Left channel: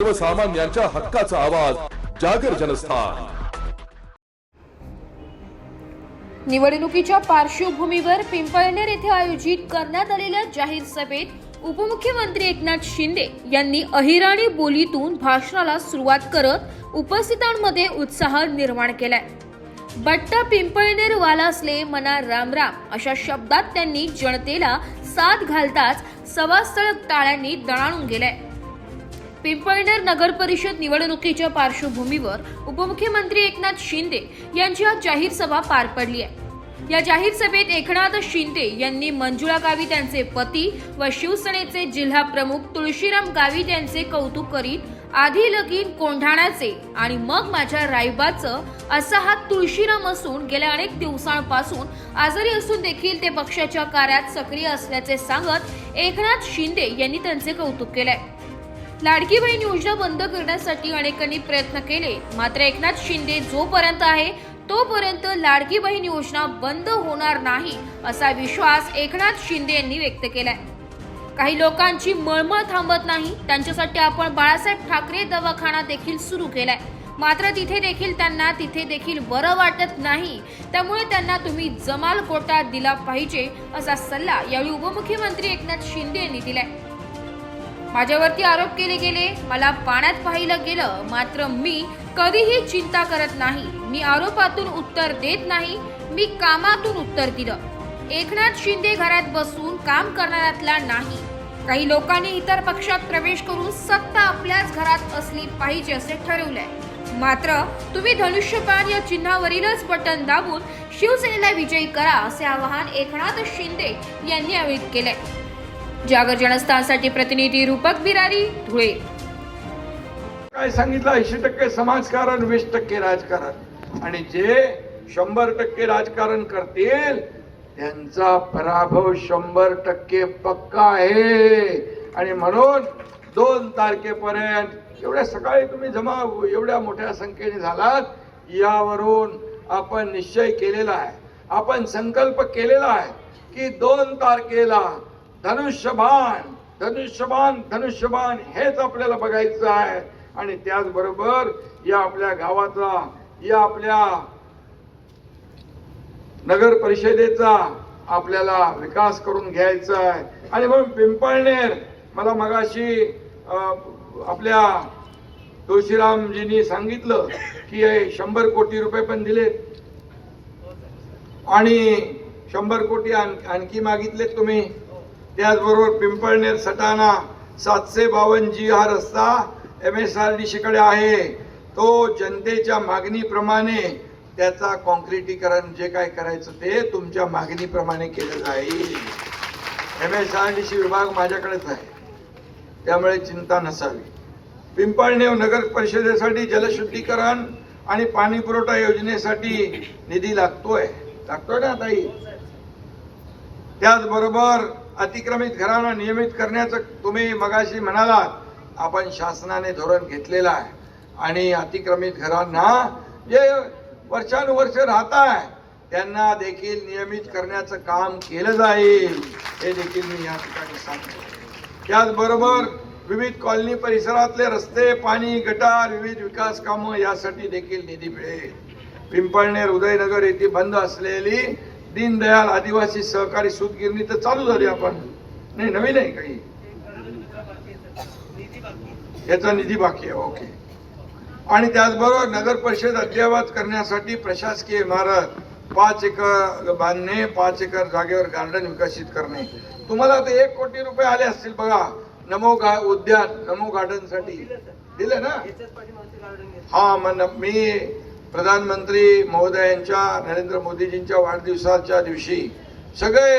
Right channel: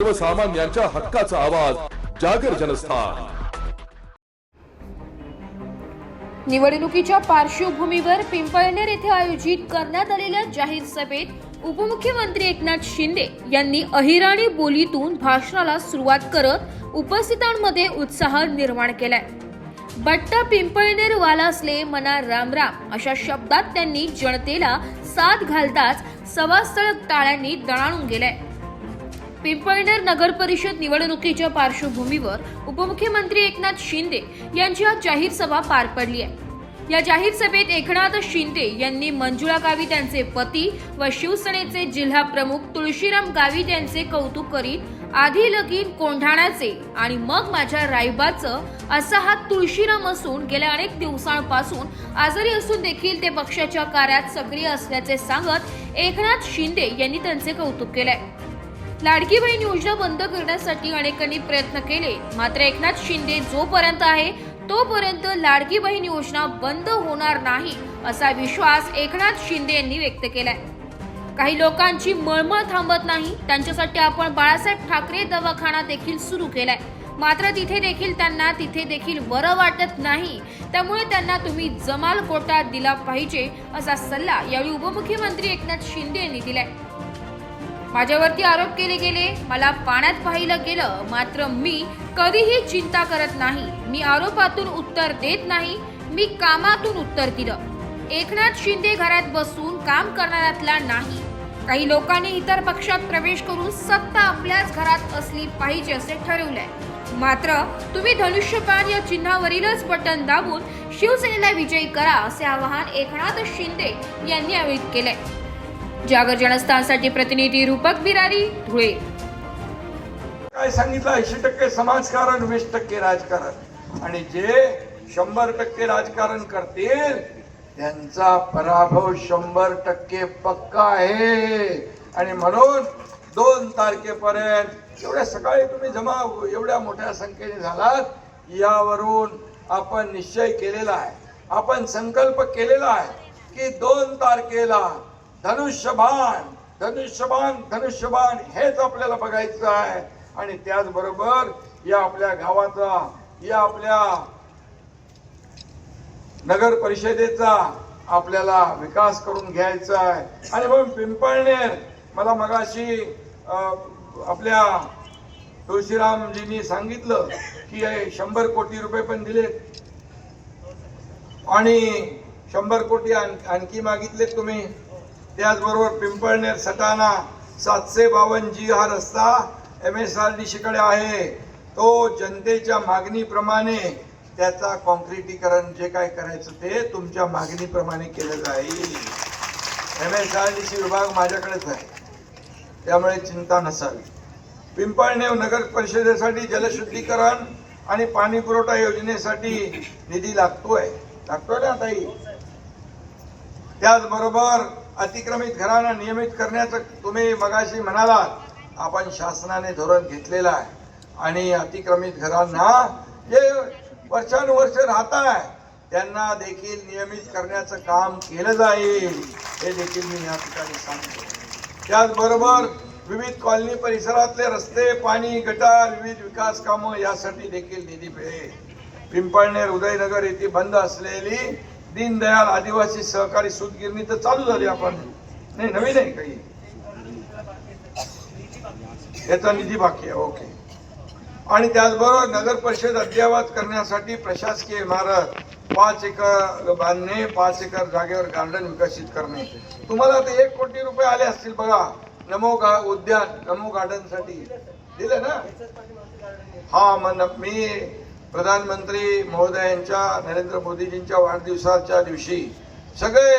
सर्वसामान्यांच्या हक्काचा आवाज जागर जनस्थान। निवडणुकीच्या पार्श्वभूमीवर पिंपळनेर येथे आयोजित करण्यात आलेल्या जाहीर सभेत उपमुख्यमंत्री एकनाथ शिंदे यांनी अहिराणी बोलीतून भाषणाला सुरुवात करत उपस्थितांमध्ये उत्साह निर्माण केलाय। बट्टा पिंपळनेर वालासले मना राम राम अशा शब्दात त्यांनी जनतेला साथ घालताच सभास्थळ टाळ्यांनी दणाणून गेलाय। पिंपळनेर नगर परिषद निवडणुकीच्या पार्श्वभूमीवर उपमुख्यमंत्री एकनाथ शिंदे यांची आज जाहीर सभा पार पडली आहे। या जाहीर सभेत एकनाथ शिंदे यांनी मंजुळा गावित यांचे पती व शिवसेनेचे जिल्हा प्रमुख तुळशीराम गावित यांचे कौतुक करीत आधी लगीन कोंढाण्याचे आणि मग माझ्या रायबाचं असा हा तुळशीराम असून गेल्या अनेक दिवसांपासून आजारी असून देखील ते पक्षाच्या कार्यात सक्रिय असल्याचे सांगत एकनाथ शिंदे यांनी त्यांचे कौतुक केले। लाडकी बहीण योजना बंद करण्यासाठी अनेकांनी प्रयत्न केले, मात्र एकनाथ शिंदे जोपर्यंत आहे तोपर्यंत लाडकी बहीण योजना बंद होणार नाही असा विश्वास एकनाथ शिंदे यांनी व्यक्त केलाय। काही लोकांची मळमळ थांबत नाही, त्यांच्यासाठी आपण बाळासाहेब ठाकरे दवाखाना देखील सुरू केलाय, मात्र तिथे देखील बरं वाटत नाही, त्यामुळे त्यांना तुम्ही जमाल कोटा दिला पाहिजे असा सल्ला यावेळी उपमुख्यमंत्री एकनाथ शिंदे यांनी दिलाय। माझ्यावरती आरोप केले गेले, मला पाण्यात पाहिलं गेलं, मात्र मी कधीही चिंता करत नाही। मी आरोपातून उत्तर देत नाही, मी कामातून उत्तर दिलं। एकनाथ शिंदे घरात बसून काम करणाऱ्यातला नाही। काही लोकांनी इतर पक्षात प्रवेश करून सत्ता आपल्याच घरात असली पाहिजे असे ठरवलंय, मात्र तुम्ही धनुष्यबाण या चिन्हावरीलच बटन दाबून शिवसेनेला विजयी करा असे आवाहन एकनाथ शिंदे यांनी यावेळी केले। जागर जनस्थानसाठी प्रतिनिधी रूपक बिरारी, धुळे। काय सांगितलं, 80% समाजकारण, 20% राजकारण, आणि जे 100% राजकारण करतील त्यांचा पराभव 100% पक्का आहे। आणि म्हणून 2 तारखेपर्यंत एवढ्या सकाळी तुम्ही जमा एवढ्या मोठ्या संख्येने झालात, यावरून आपण निश्चय केलेला आहे, आपण संकल्प केलेला आहे की 2 तारखेला धनुष्यबाण धनुष्यबाण धनुष्यबाण हेच आपल्याला बघायचं आहे। आणि त्याचबरोबर या आपल्या गावाचा, या आपल्या नगर परिषदेचा आपल्याला विकास करून घ्यायचा आहे। आणि म्हणून पिंपळनेर, मला मगाशी आपल्या तुळशीरामजींनी सांगितलं की 100 कोटी रुपये पण दिलेत आणि 100 कोटी आणखी मागितलेत तुम्ही। त्याचबरोबर पिंपळनेर सटाणा 752G हा रस्ता MSRDC कडे आहे, तो जनतेच्या मागणीप्रमाणे त्याचा कॉन्क्रिटीकरण जे काय करायचं ते तुमच्या मागणीप्रमाणे केलं जाईल। MSRDC विभाग माझ्याकडेच आहे, त्यामुळे चिंता नसावी। पिंपळनेर नगर परिषदेसाठी जलशुद्धीकरण आणि पाणी पुरवठा योजनेसाठी निधी लागतोय ना ताई। त्याचबरोबर अतिक्रमित घरांना नियमित करण्याचं तुम्ही मगाशी म्हणालात, आपण शासनाने धोरण घेतलेलं आहे आणि अतिक्रमित घरांना जे वर्षानुवर्ष राहत आहे त्यांना देखील नियमित करण्याचं काम केलं जाईल, हे देखील मी या ठिकाणी सांगतो। त्याचबरोबर विविध कॉलनी परिसरातले रस्ते, पाणी, गटार, विविध विकास कामं यासाठी देखील निधी मिळेल। पिंपळनेर उदयनगर येथे बंद असलेली दीनदयाल आदिवासी सहकारी सूतगिरणी तर चालू झाली, आपण नाही, नवीन आहे काही, याचा निधी बाकी आहे, ओके। आणि त्याचबरोबर नगर परिषद अद्ययावत करण्यासाठी प्रशासकीय इमारत 5 एकर बांधणे, 5 एकर जागेवर गार्डन विकसित करणे। तुम्हाला आता 1 कोटी रुपये आले असतील बघा, नमो उद्यान, नमो गार्डन साठी दिले ना। हा, मी प्रधानमंत्री महोदयांच्या, नरेंद्र मोदीजींच्या वाढदिवसाच्या दिवशी सगळे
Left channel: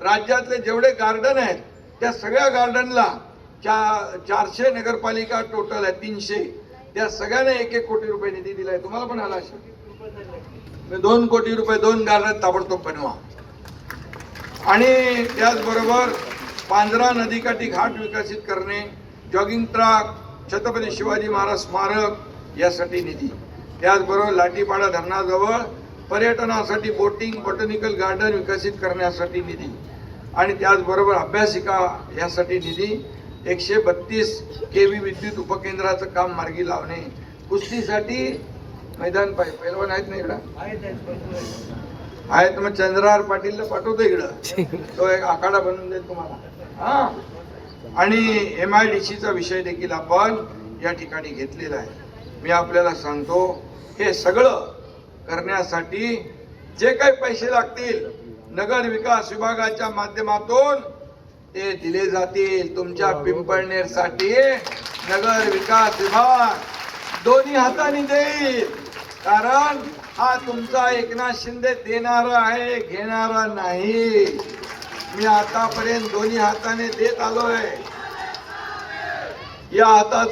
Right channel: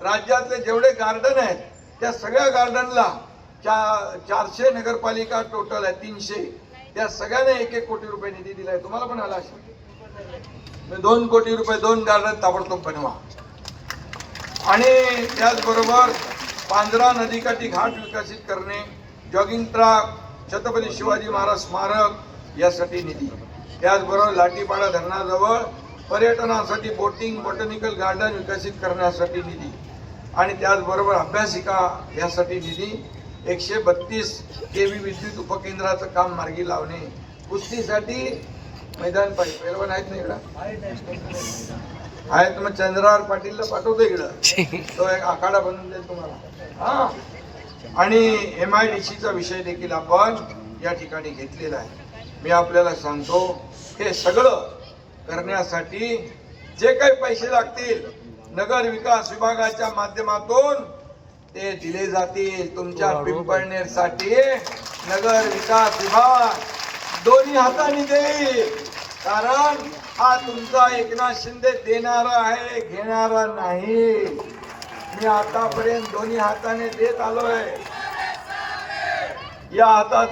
राज्यातले जेवढे गार्डन आहेत त्या सगळ्या गार्डनला 400 नगरपालिका टोटल आहे, 300, त्या सगळ्यांना 1-1 कोटी रुपये निधी दिलाय। तुम्हाला पण आला असेल। 2 कोटी रुपये 2 गार्डन ताबडतोब बनवा। आणि त्याचबरोबर पांझरा नदीकाठी घाट विकसित करणे, जॉगिंग ट्रॅक, छत्रपती शिवाजी महाराज स्मारक यासाठी निधी। त्याचबरोबर लाटीपाडा धरणाजवळ पर्यटनासाठी बोटिंग, बॉटॅनिकल गार्डन विकसित करण्यासाठी निधी। आणि त्याचबरोबर अभ्यासिका यासाठी निधी। 132 kV विद्युत उपकेंद्राचं काम मार्गी लावणे, कुस्तीसाठी मैदान पाहिजे. पहिलवान आहेत ना इकडं? आहेत, मग चंद्रहार पाटीलला पाठवतो इकडं, तो एक आखाडा बनवून देईल तुम्हाला. हा, आणि MIDCचा विषय देखील आपण या ठिकाणी घेतलेला आहे. मी आपल्याला सांगतो, हे सगळं करण्यासाठी जे काही पैसे लागतील नगर विकास विभागाच्या माध्यमातून ते दिले जातील. तुमच्या पिंपळनेरसाठी नगर विकास विभाग दोन्ही हाताने देईल, कारण हा तुमचा एकनाथ शिंदे देणारा आहे, घेणारा नाही. मी आतापर्यंत दोन्ही हाताने देत आलोय. या हातात